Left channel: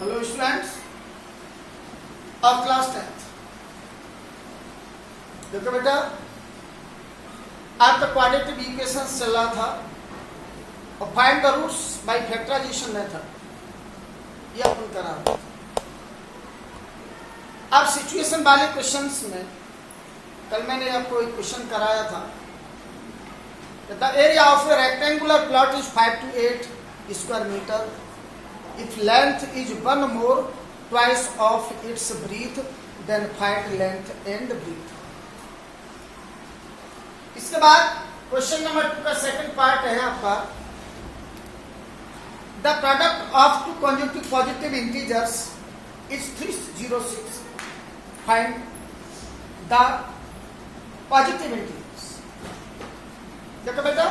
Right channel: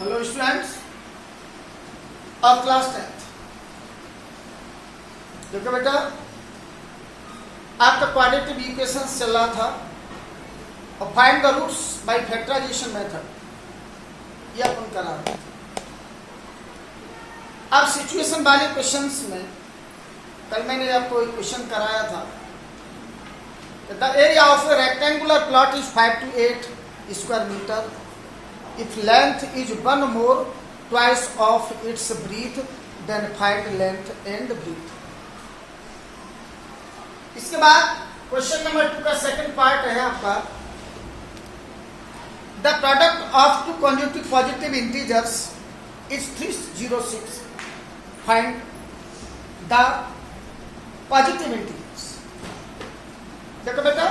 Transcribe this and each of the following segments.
Hello students of class 10th। देखो बेटा, आपका क्वाड्रेटिक इक्वेशंस चल रहा था और find the roots by factorisation method ये अपन करा रहे थे। अब सिचुएशन वाले क्वेश्चंस में कल मैंने आपको एक क्वेश्चन कराया था। The area of a rectangular plot is 5 to 8 square metre if length is one more twice of its breadth then find length and breadth। इसके बाद क्वेश्चन नंबर 2 का सेकंड पार्ट है आपका the product of two conjugative positive integers is 306 find the positive integers. देखो बेटा,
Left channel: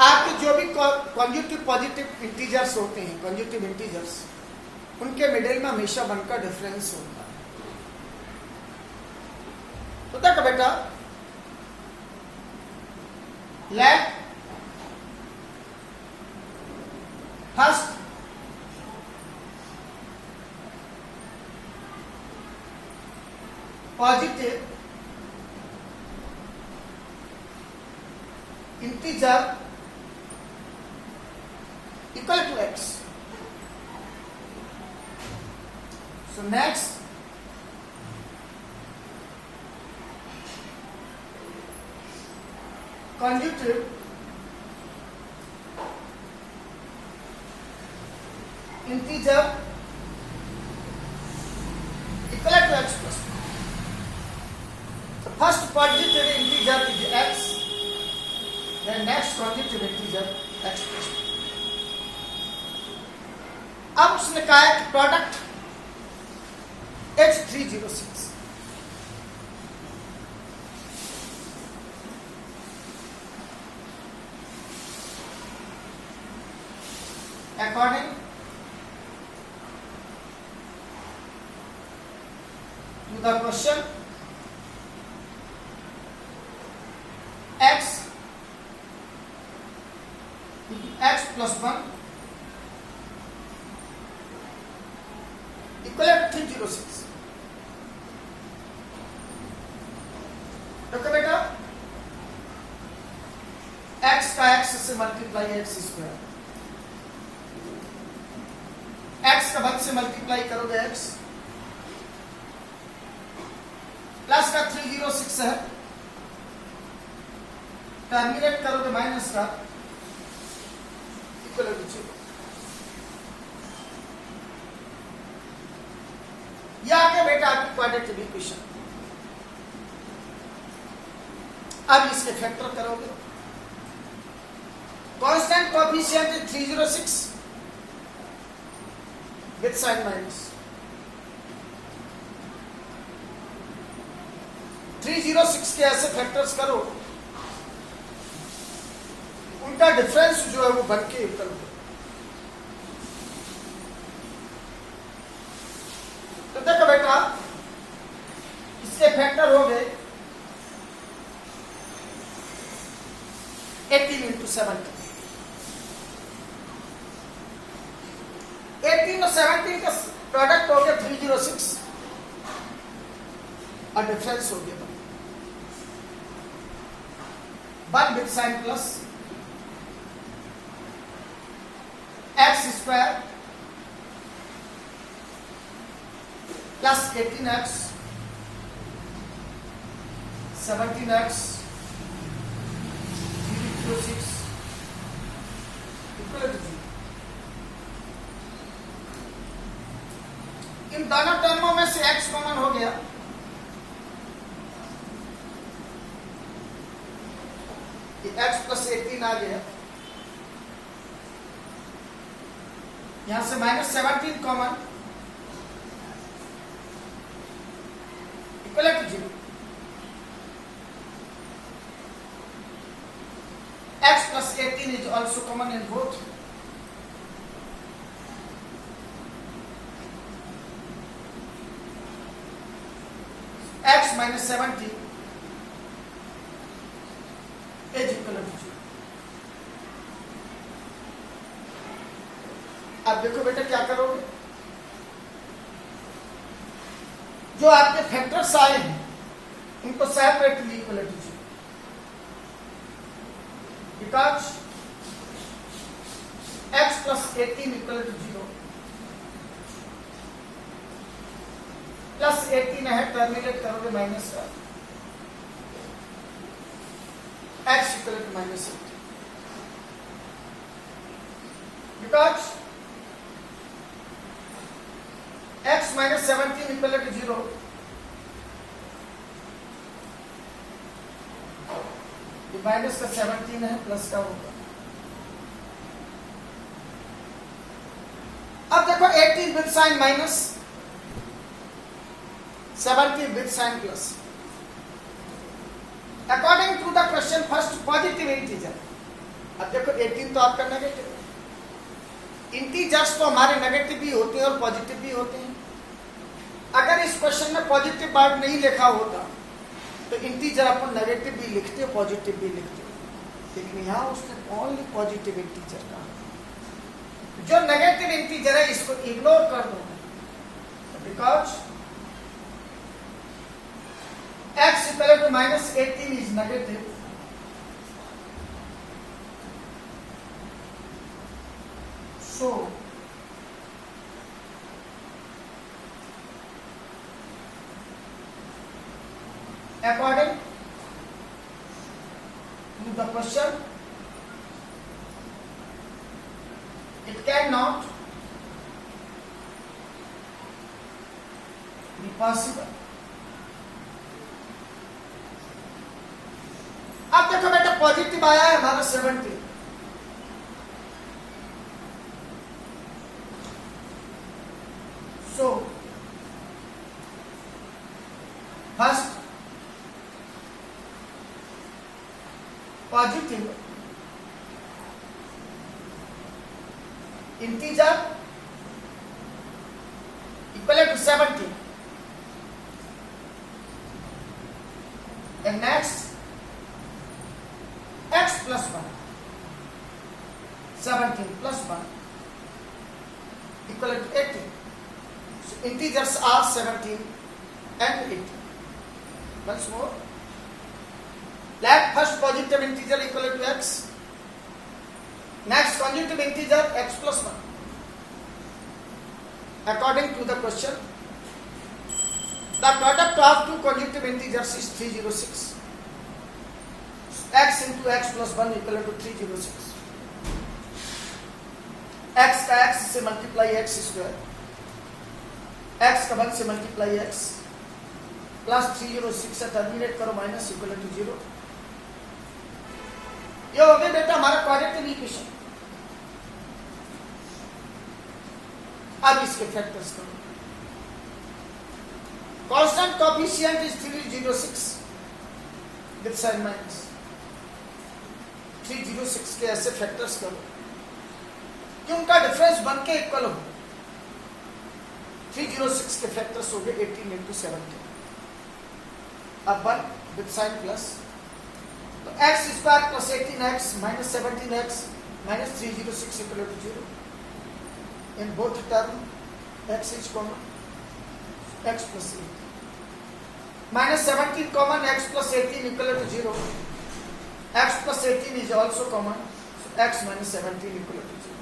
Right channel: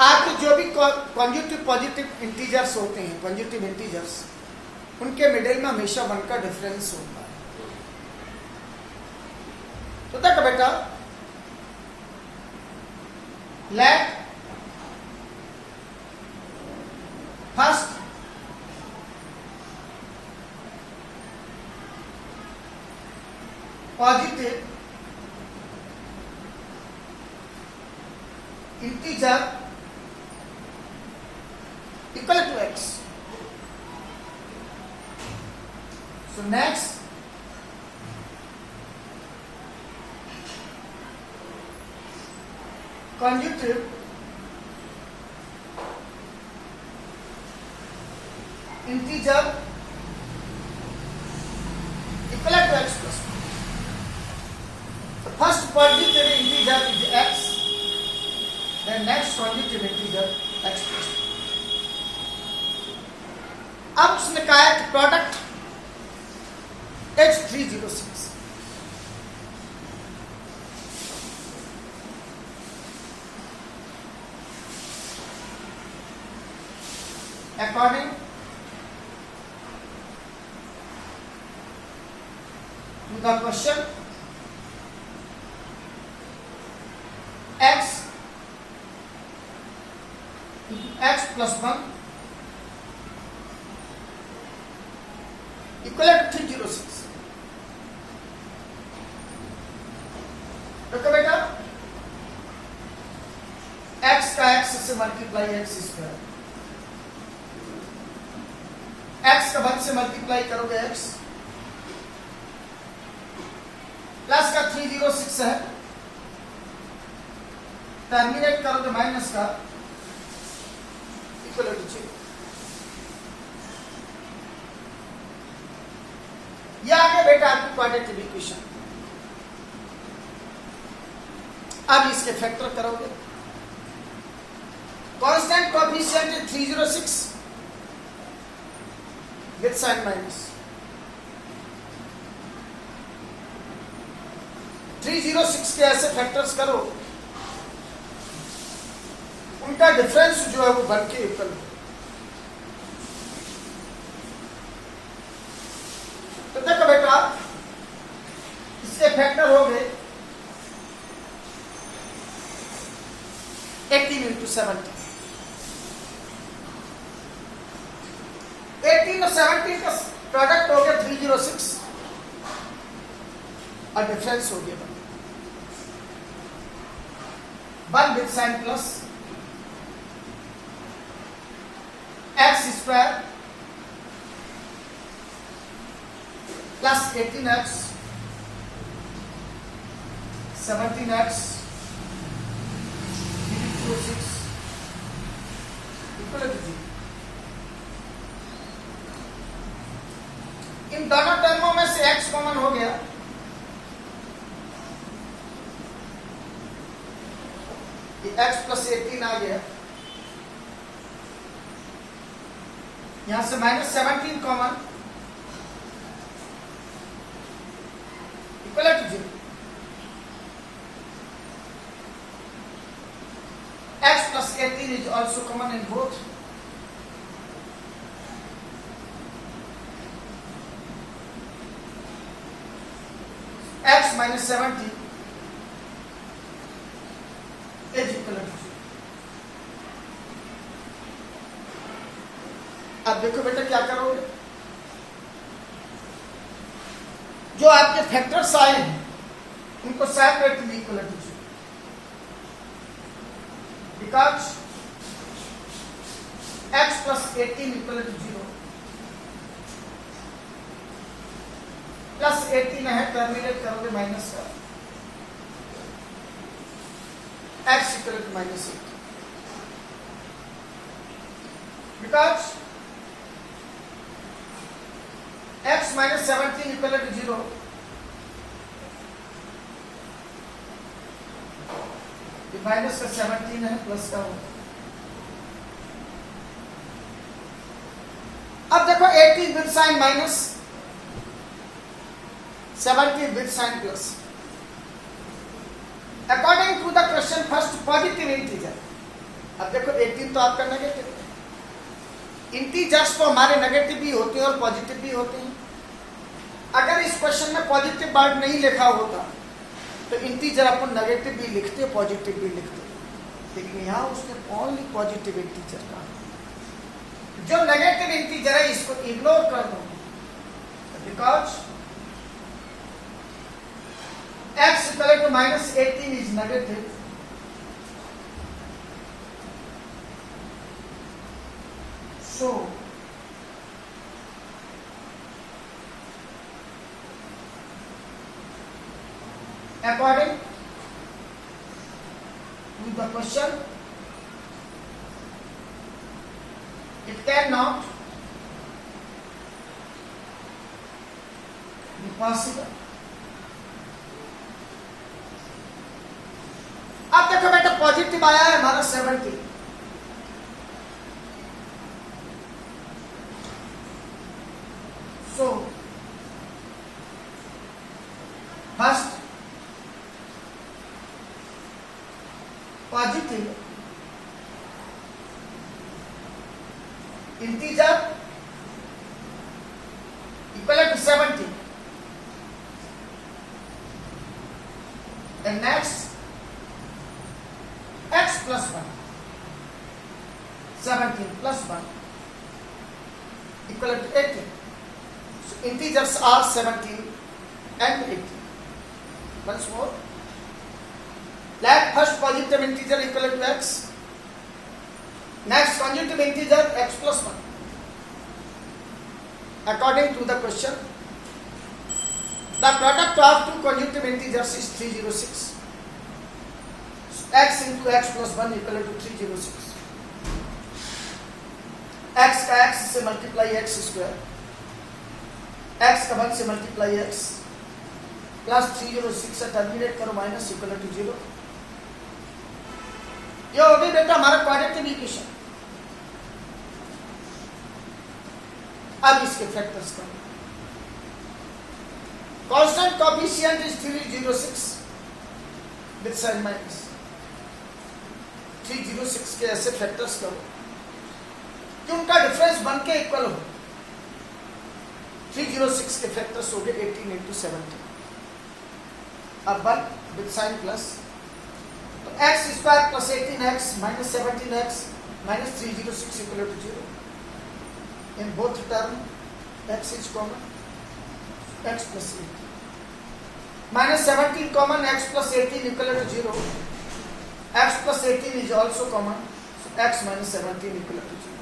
आपके जो भी कॉन्जुगेटिव पॉजिटिव इंटीजर्स होते हैं, कॉन्जुगेटिव इंटीजर्स, उनके मिडिल में हमेशा 1 का डिफरेंस होता है। तो देखो बेटा, let first positive integer equal to x. So next conjugative integer equal to x plus 1. So first positive integer is x, then next conjugative integer x plus 1. अब उसने कहा कि product X306 according to the question x plus 1 equal to 306। देखो बेटा, x का x से multiply x square, x का 1 से मल्टीप्लाई करोगे x प्लस का 306 है, टर्मिनेट करोगे माइनस का इक्वल टू 0। यह आगे बेटा आपकी क्वाड्रेटिक इक्वेशन। अब इसके फैक्टर करोगे, कांस्टेंट कोएफिशिएंट है 306 विद साइन माइनस, 306 के ऐसे फैक्टर्स करो उनका डिफरेंस जो है वो बन के इक्वल हो। तो देखो बेटा, इसके फैक्टर हो गए 18 into 17। 18 और 17 का प्रोडक्ट हो गया 306 और डिफरेंस हो गया 1 with sign plus x square plus 18x 17x 306 equal to 0। इन दोनों टर्मों में से x कॉमन हो गया, ये x प्लस 18 आ गया, यहां से minus 17 common equal to 0। x plus 18 is also common in both, x minus 70 is equal to 0। अब देखो बेटा क्या करोगे, जो आपके फैक्टर्स आए हैं उनको separately equal to 0, because x plus 18 equal to 0 plus 18 है, टर्मिनेट करोगे माइनस का, x equal to minus 18, because x minus 17 equal to 0, minus का 17 है, प्लस का होगा। अब देखो 18 with sign minus, 17 with sign plus. According to the question first positive integer. अब देखो 18 तो आपका नेगेटिव है, इंटीजर्स तो हमारे नेगेटिव भी होते हैं और पॉजिटिव भी होते हैं। अगर इस क्वेश्चन में पॉजिटिव वर्ड नहीं लिखा होता तो इंटीजर अपन नेगेटिव भी लिखते पॉजिटिव भी लिखते, लेकिन यहां उसने ओनली पॉजिटिव इंटीजर का, जो नेगेटिव इंटीजर है इसको इग्नोर कर दो, because x equal to minus 18 is negative, so according to the question, it cannot be possible. अब देखो बेटा पॉजिटिव आया है हमारा 70, so first positive integer equal to 70 and next x plus 1, 17 plus 1 equal to 18. So integers are 17 and 18. Once more, let first positive integer equal to x, next conjugative integer x plus 1. According to the question, the product of two conjugative integers is 306. So x into x plus 1 equal to 306. x का x से multiply x square, x का 1 से multiply x plus 306 से terminate करो minus equal to 0। ये हो गई बेटा हमारा क्वाड्रेटिक इक्वेशन। अब इसके फैक्टर्स करो। Constant coefficient is 306 with sign minus, 306 के ऐसे फैक्टर्स करो कि उनका डिफरेंस बन के इक्वल हो। 306 के फैक्टर्स हो गए 18 इंटू 17, अब 1 विद साइन प्लस, तो x square plus 18x minus 17x minus 306 equal to 0। In both term x is common, x plus 18 minus 17 common, x plus 18 equal to 0, x plus 18 is also common, x minus 17 equal to 0।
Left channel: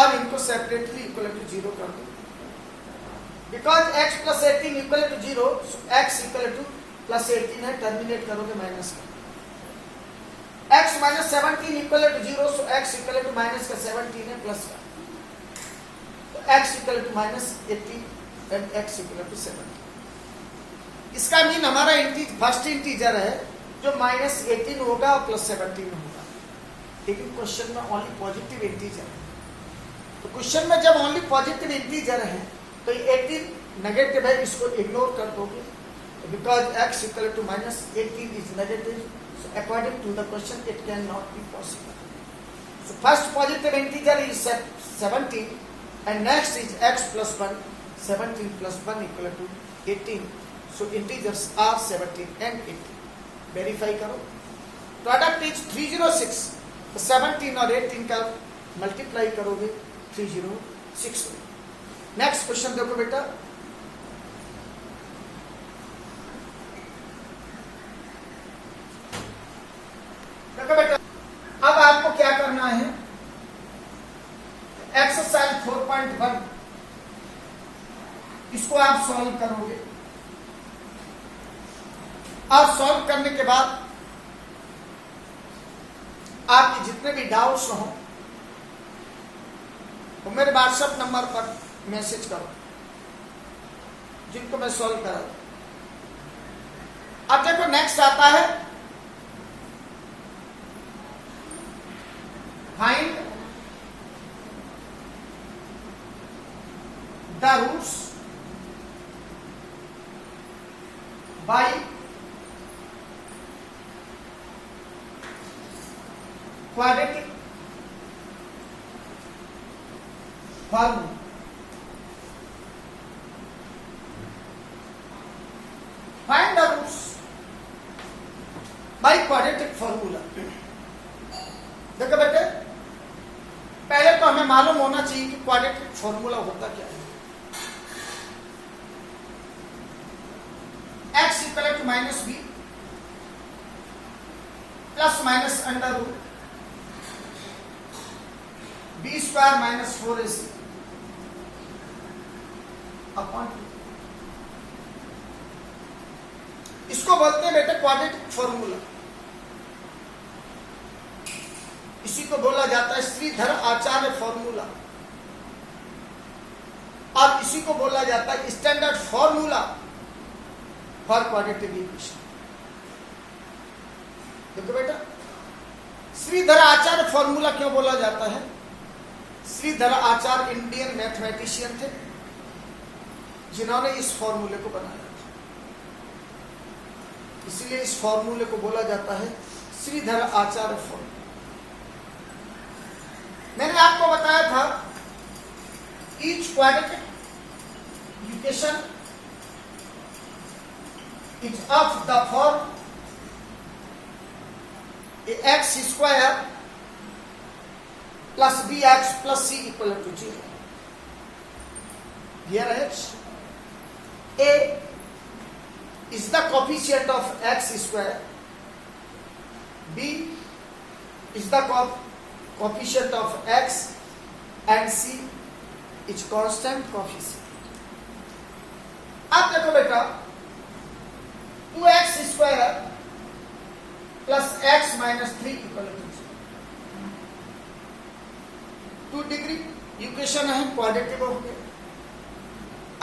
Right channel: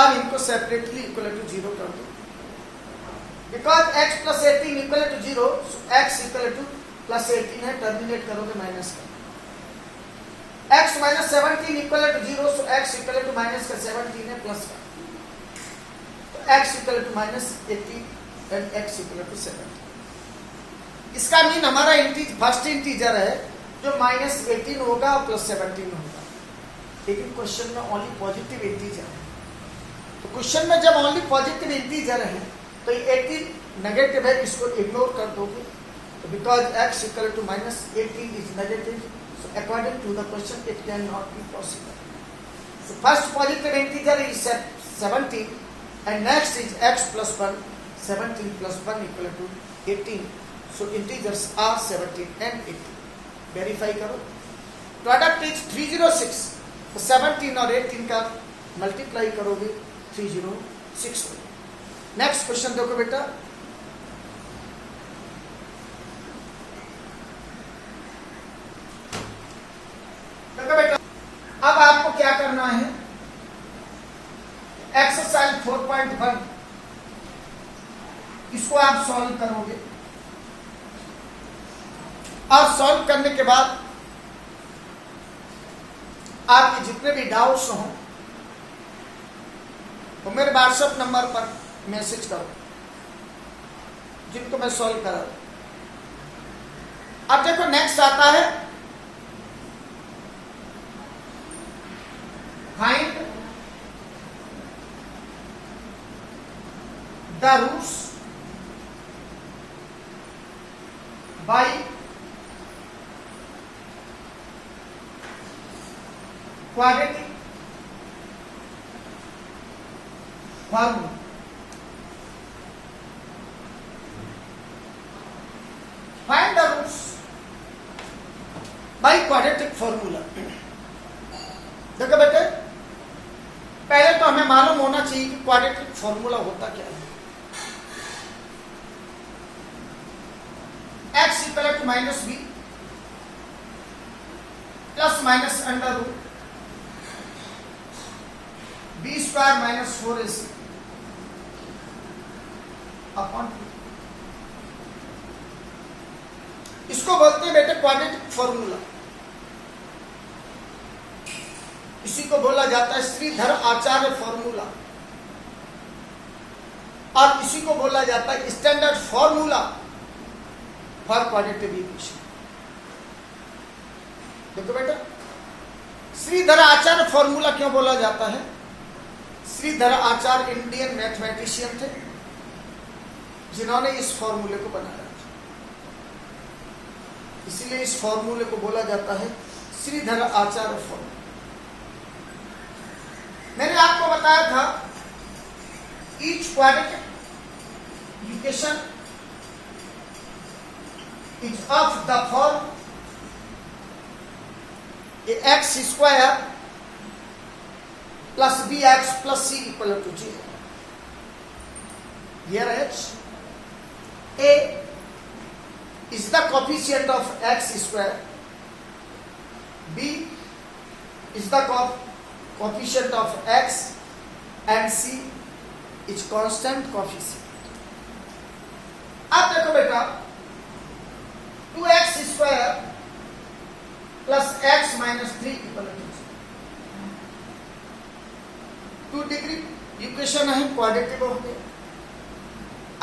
अब इनको separately equal to 0 कर दो, because x plus 18 equal to 0, x equal to plus 18 है, terminate करोगे minus का, x minus 17 equal to 0, so x equal to minus का 17 है plus का, तो x equal to minus 18 and x equal to 17। इसका मीन हमारा फर्स्ट इंटीजर है जो माइनस 18 होगा और प्लस 17 होगा, लेकिन क्वेश्चन में ओनली पॉजिटिव इंटीजर है। तो क्वेश्चन में जब ओनली पॉजिटिव इंटीजर है तो 18 नेगेटिव है, इसको इग्नोर कर दोगे, because x equal to minus 18 is negative, so according to the question it cannot be possible. So first positive integer is 17 and next is x plus 1, 17 plus 1 equal to 18. So integers are 17 and 18. Verify करो, product is 306, तो 17 और 18 का multiply करोगे 306 में। Next question देखो बेटा, देखो बेटा अब आपको क्या करना है, एक्सरसाइज 4.1 इसको आप सॉल्व करोगे और सॉल्व करने के बाद आपके जितने भी डाउट्स हों तो मेरे व्हाट्सएप नंबर पर मैसेज करो, जिनको मैं सॉल्व करा। अब देखो नेक्स्ट आता है find the roots by quadratic formula. Find the roots by quadratic formula. देखो बेटे पहले तो हमें मालूम होना चाहिए कि क्वाड्रेटिक फॉर्मूला होता क्या है। x equal to minus b plus minus under root B square minus 4ac upon, इसको बोलते हैं बेटे क्वाड्रेटिक फॉर्मूला। इसी को बोला जाता है श्रीधर आचार्य फॉर्मूला और इसी को बोला जाता है standard formula for quadratic equation. देखो बेटा श्रीधर आचार्य फॉर्मूला क्यों बोला जाता है? श्रीधर आचार्य इंडियन मैथमेटिशियन थे जिन्होंने इस फॉर्मूले को बनाया, इसलिए इस फॉर्मूले को बोला जाता है श्रीधर आचार्य फॉर्मूला। मैंने आपको बताया था each quadratic equation is of the form x square plus b x plus c equal to 0। Here h a is the coefficient of x square, b is the coefficient of x and c is constant coefficient। अब देखो बेटा 2x square plus x minus 3 equal to 2 degree equation है, quadratic हो गया।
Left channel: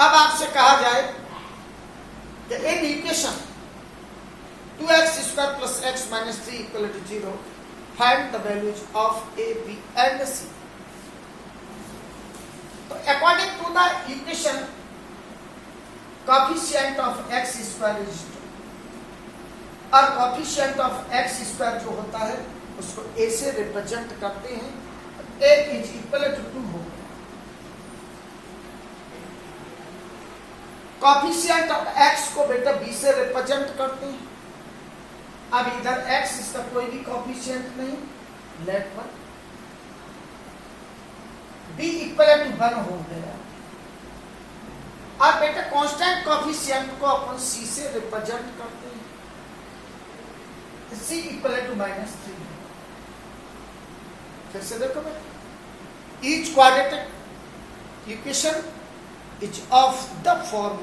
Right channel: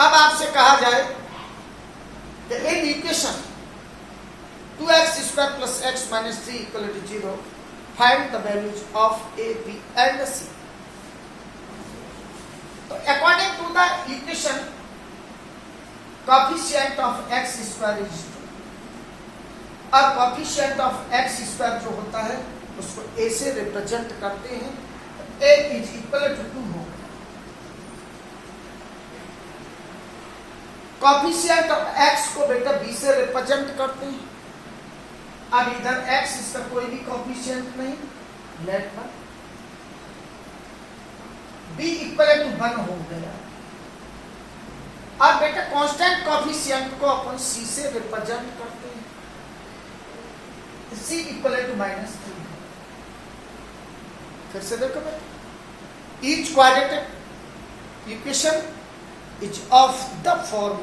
अब आपसे कहा जाए कि इन equation 2x square plus x minus 3 equal to 0 find the values of a b and c। तो according to the equation coefficient of x square is 2 और कोएफिशिएंट ऑफ x स्क्वायर जो होता है उसको a से रिप्रेजेंट करते हैं, a is equal to 2 हो गया। कोएफिशिएंट ऑफ x को बेटा b से रिप्रेजेंट करते हैं। अब इधर x इसका कोई भी कोएफिशिएंट नहीं, लेट पर b इक्वल टू 1 हो गया। अब बेटा कांस्टेंट कोएफिशिएंट को अपन c से रिप्रेजेंट करते हैं, c इक्वल टू माइनस 3। फिर से देखो बेटा each quadratic equation is of the form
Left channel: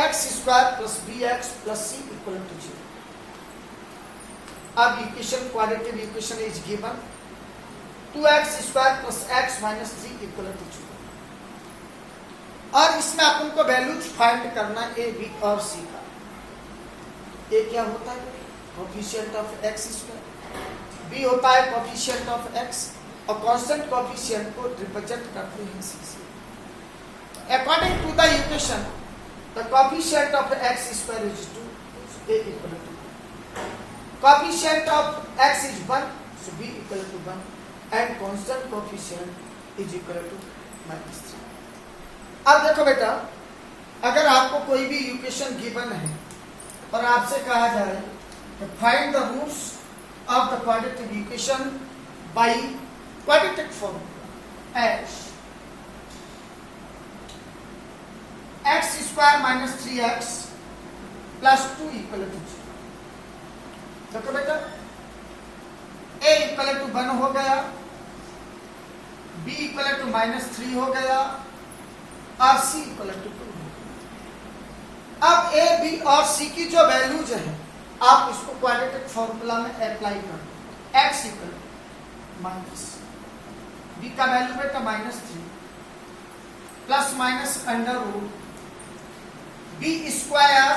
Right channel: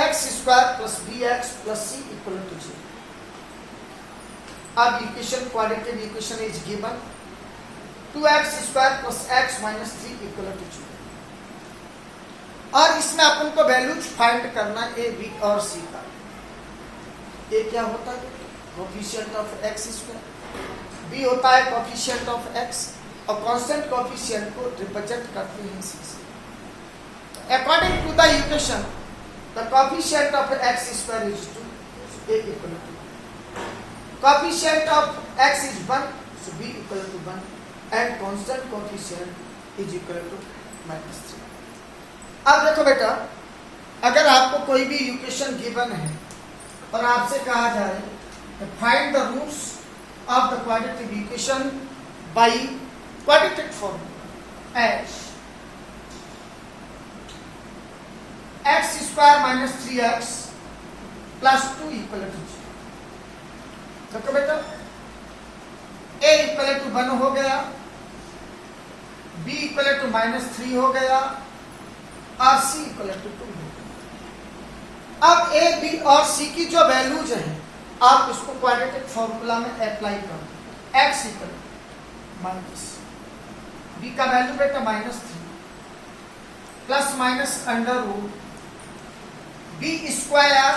ax square plus bx plus c equal to 0। अब equation quadratic equation is given 2x square plus x minus 3 equal to 0 और इसमें अपन को values find करना है a b और c का। a क्या होता है? Coefficient of x square, b होता है कोएफिशिएंट ऑफ x और कांस्टेंट कोएफिशिएंट को रिप्रेजेंट करते हैं c से। According to the equation, the coefficient of x square is 2, so a equal to 2. Coefficient of x is 1, so b equal to 1, and constant coefficient is equal to minus 3। अब देखो बेटा अगर आपको कोई भी इक्वेशन गिवन है और आपसे कहा जाए find the roots of the quadratic equation by quadratic formula as x square minus 3x plus 2 equal to 0। देखो बेटा, a इक्वल टू 1 हो गया, b इक्वल टू माइनस 3 हो गया और c इक्वल टू 2 हो गया। अब a, b और c की जो वैल्यूज हैं आप इसको क्वाड्रेटिक फॉर्मूला में अप्लाई करो। x इक्वल माइनस b का वैल्यू बेटा minus 3 plus minus under root B square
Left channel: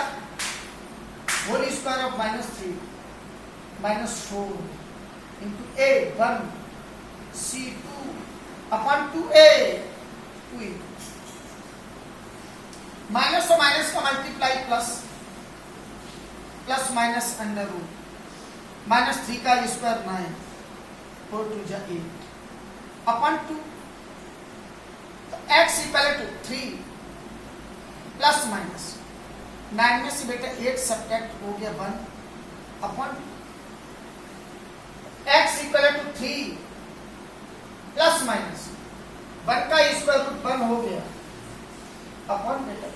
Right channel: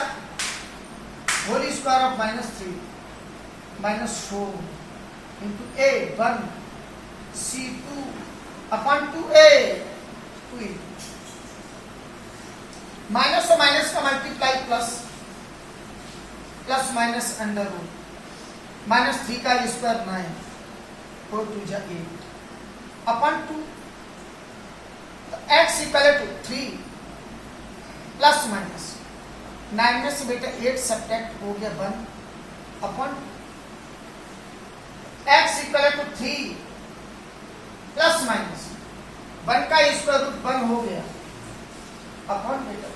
whole square of minus 3 minus 4 into A 1 C 2 upon 2a 2 minus और माइनस का multiply plus plus minus under root minus 3 का square 9 4 2 जा 8 upon 2। तो x equal to 3 plus minus 9 में से बेटा 8 subtract हो गया 1 upon x equal to 3 plus minus 1 का स्क्वायर रूट 1 हो गया अपॉन बेटा।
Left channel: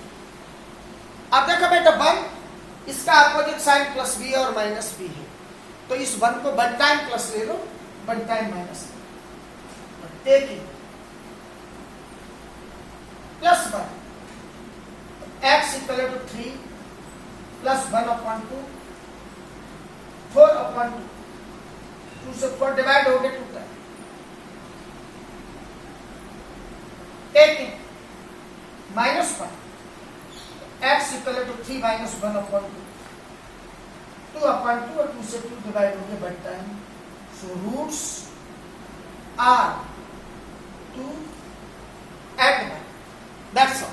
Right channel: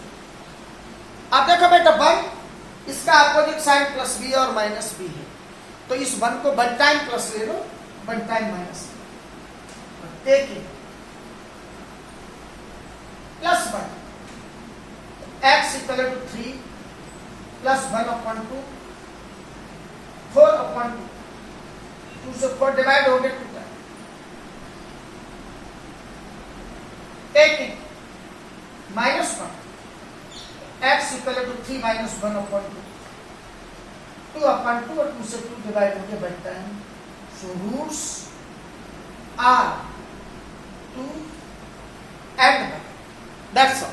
अब देखो बेटा 1 इसका अपोजिट साइन प्लस b और माइनस b है, तो इस 1 को 1 टाइम प्लस ले लो 1 time minus taking plus 1 x equal to 3 plus 1 upon 2 4 upon 2 2 से 4 डिवाइड हो गया 2 का taking minus 1 x equal to 3 minus 1 upon 2 2 upon 2 और 2 से 2 डिवाइड हो गया बनता है। So roots are 2 and 1। That's all.